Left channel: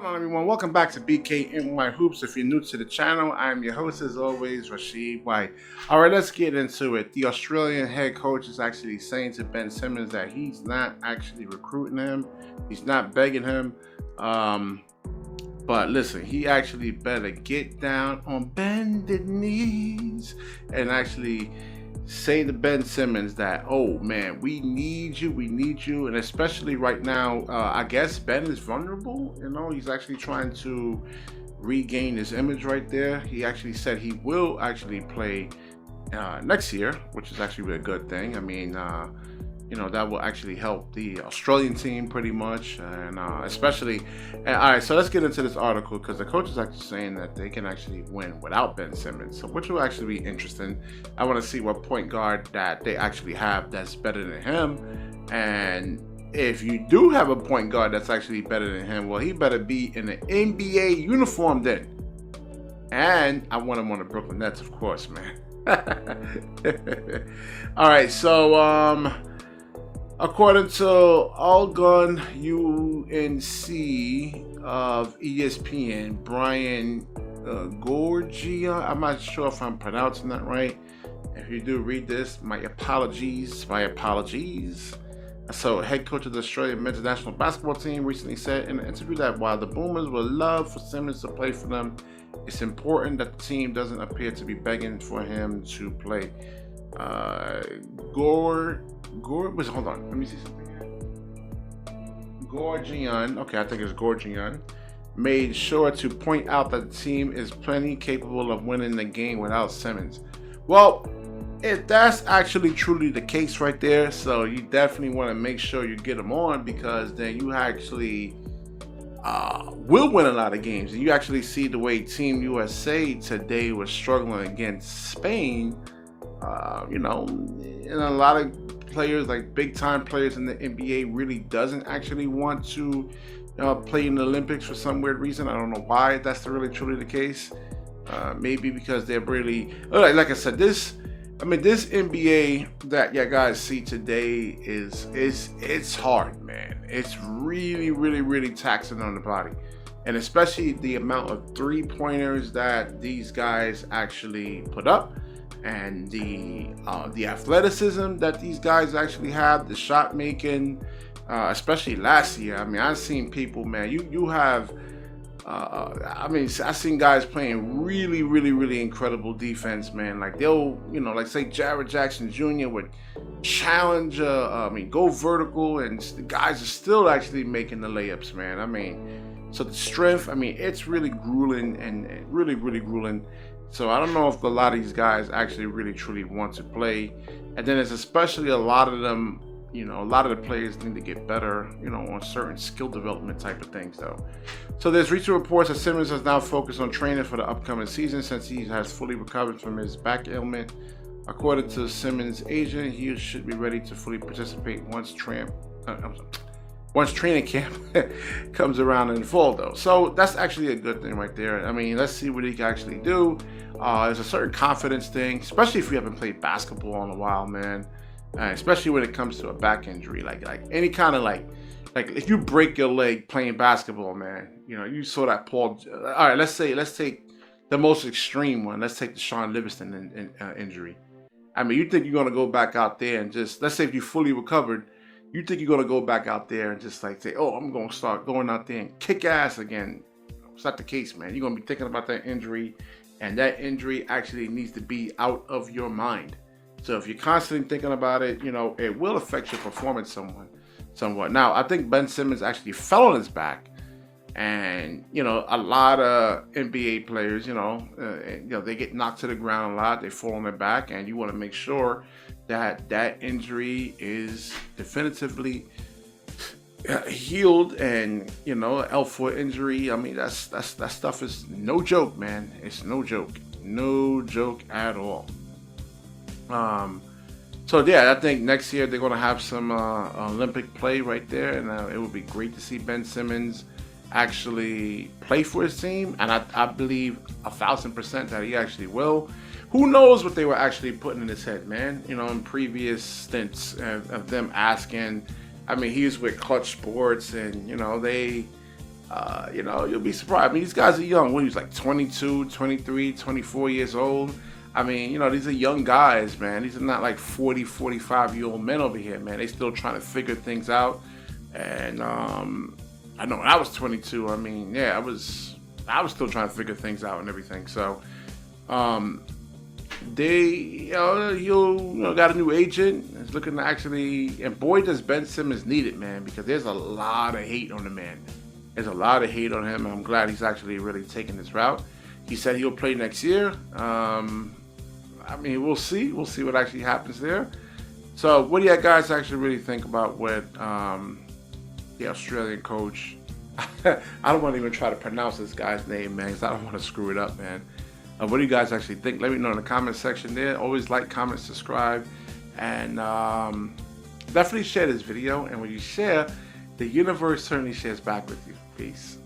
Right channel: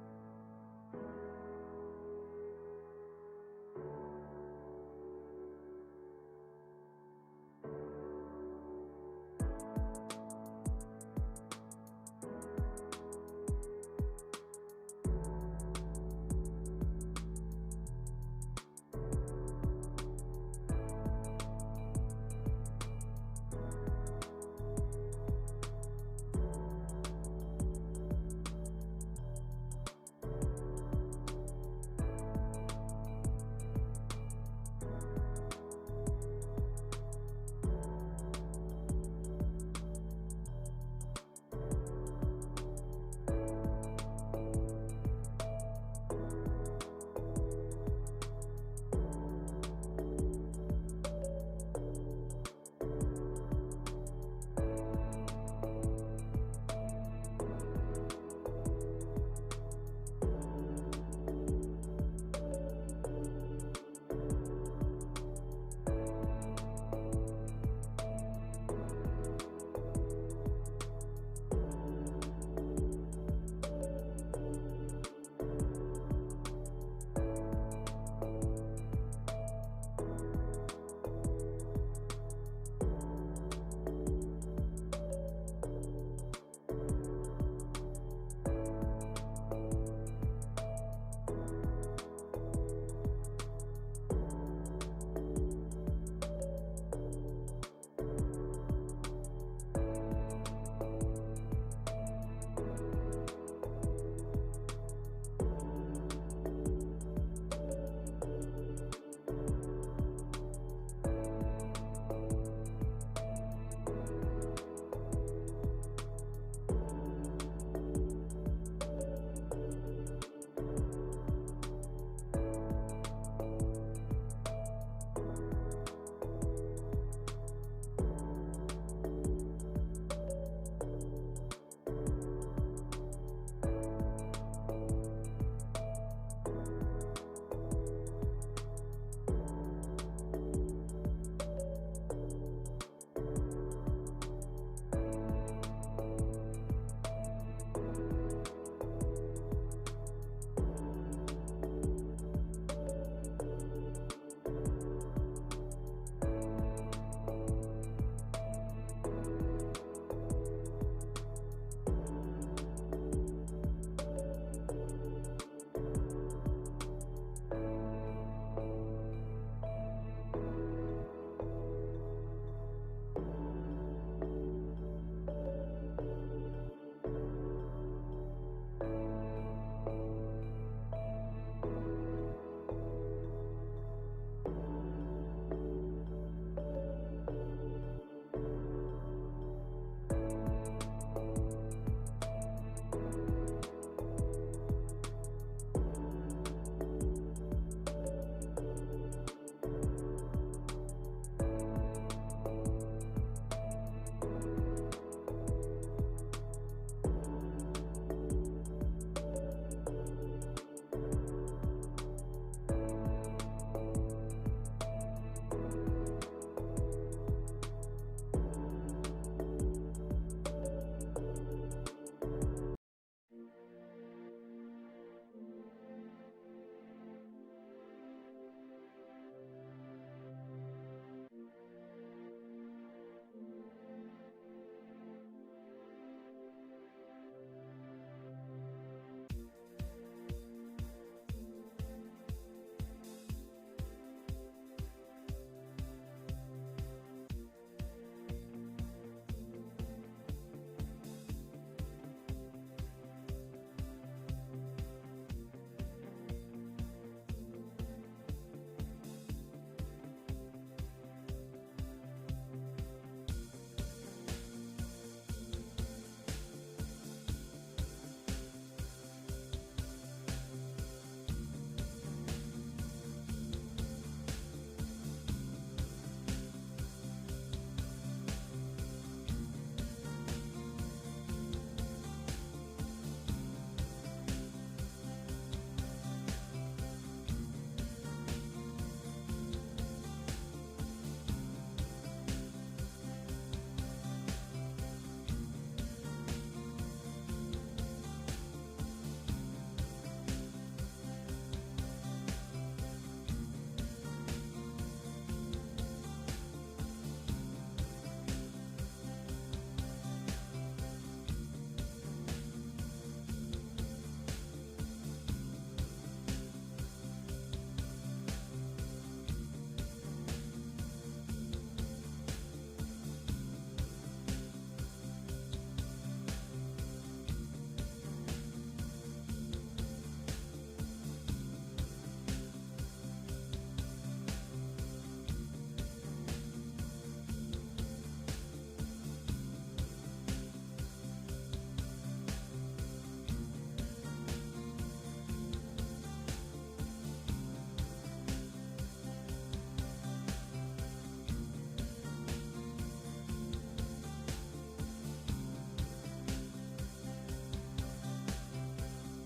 What's going on, everyone? Welcome back to BKNY Hoops. If you're new to the channel, I'm your host, as always, Rashid White. All right, let's get into it. The Australian head coach is actually saying to Ben Simmons that he's not actually recruiting him. He's not begging him. But listen, he actually better get down on bended knees and actually say to Ben Simmons that, oh man, we need you, and especially right now, I guess Ben is vulnerable. He's actually trying to regain his image right there. He actually said he will actually play next year, which is actually a good thing. That will actually help the Australian team pretty much, and especially. And, all right, so let's get into this article because the coach is actually saying that they can actually win without Ben Simmons, so which will actually be interesting. I want to see what point guard that they actually have that's better than him, and if you do have a point guard that's actually better than him, well, he better be in an NBA uniform then. And I want him on the Brooklyn Nets, of course, man. All right, so according to All-Gun UNC of ESPN, Brian Gorgia, I'm not sure if I'm pronouncing that right. If you do read this, my apologies. So, head coach of the Australian men's national basketball team recently said in an interview that while the Boomers would love for Simmons to play for them, it's important that the team doesn't appear to be begging for him to play. Hold on, let me see something. Gorgian, okay, I think it's Gorgian, made sure to point out that the team is plenty capable of winning the game without Simmons. Well, if that's actually truly the case right there, so you definitely want to make sure you get them on, because then you actually will win a lot of games. And you actually see the way Team USA today was struggling against Spain. And a lot of players, like big time players in the NBA, really doesn't actually want to play in the Olympics for some weird reason. I don't know why that's really truly the case. Maybe because they're really, like I said, this NBA that you guys see today it's hard, man. It's really, really, really taxing on the body, and especially the amount of 3-pointers that these guys actually put up, and the athleticism that these guys actually have, the shot making, especially last year. I've seen people, man. You have. I've seen guys playing really, really, really incredible defense, man. Like they'll, like say Jared Jackson Jr. would challenge, go vertical, and the guys are still actually making the layups, man. So the strength, it's really grueling and really, really grueling. So I don't know if a lot of these guys actually really, truly want to play. And then it's especially a lot of them, a lot of the players need to get better, on certain skill development type of things, though. So there's recent reports that Simmons has now focused on training for the upcoming season since he has fully recovered from his back ailment. According to Simmons' agent, he should be ready to fully participate once training camp comes around in the fall, though. So that's actually a good thing right there. Let's see what he can actually do. There's a certain confidence thing, especially if you haven't played basketball in a while, man. Especially when it comes to a back injury, like any kind of like if you break your leg playing basketball, man, you saw that Paul. All right, let's take the most extreme one. Let's take the Sean Livingston injury. You think you're gonna go back out there and just, let's say if you fully recovered, you think you're gonna go back out there and just like say, oh, I'm gonna start going out there and kick ass again? It's not the case, man. You're gonna be thinking about that injury, and that injury actually needs to be out of your mind. So if you're constantly thinking about it, it will affect your performance somewhat. Now, I think Ben Simmons actually fell on his back, and a lot of NBA players, they get knocked to the ground a lot. They fall on their back, and you want to make sure that injury is definitively healed. And L4 injury, that stuff is no joke, man. It's no joke at all. So yeah, I think next year they're going to have some Olympic play right there, and it would be great to see Ben Simmons actually play for his team, and I believe 1,000% that he actually will. Who knows what they were actually putting in his head, man? In previous stints of them asking. He was with Clutch Sports, and they You know, you'll be surprised. I mean, these guys are young. What, he's like 22, 23, 24 years old. I mean, you know, these are young guys, man. These are not like 40, 45-year-old men over here, man. They still trying to figure things out. And I know when I was 22, I mean, yeah, I was still trying to figure things out and everything. So they, you know, got a new agent. It's looking to actually, and boy, does Ben Simmons need it, man, because there's a lot of hate on the man. There's a lot of hate on him. I'm glad he's actually really taking this route. He said he'll play next year. I mean, we'll see. We'll see what actually happens there. So, what do you guys actually really think about what the Australian coach? I don't want to even try to pronounce this guy's name, man, because I don't want to screw it up, man. What do you guys actually think? Let me know in the comment section there. Always like, comment, subscribe, and definitely share this video. And when you share, the universe certainly shares back with you. Peace.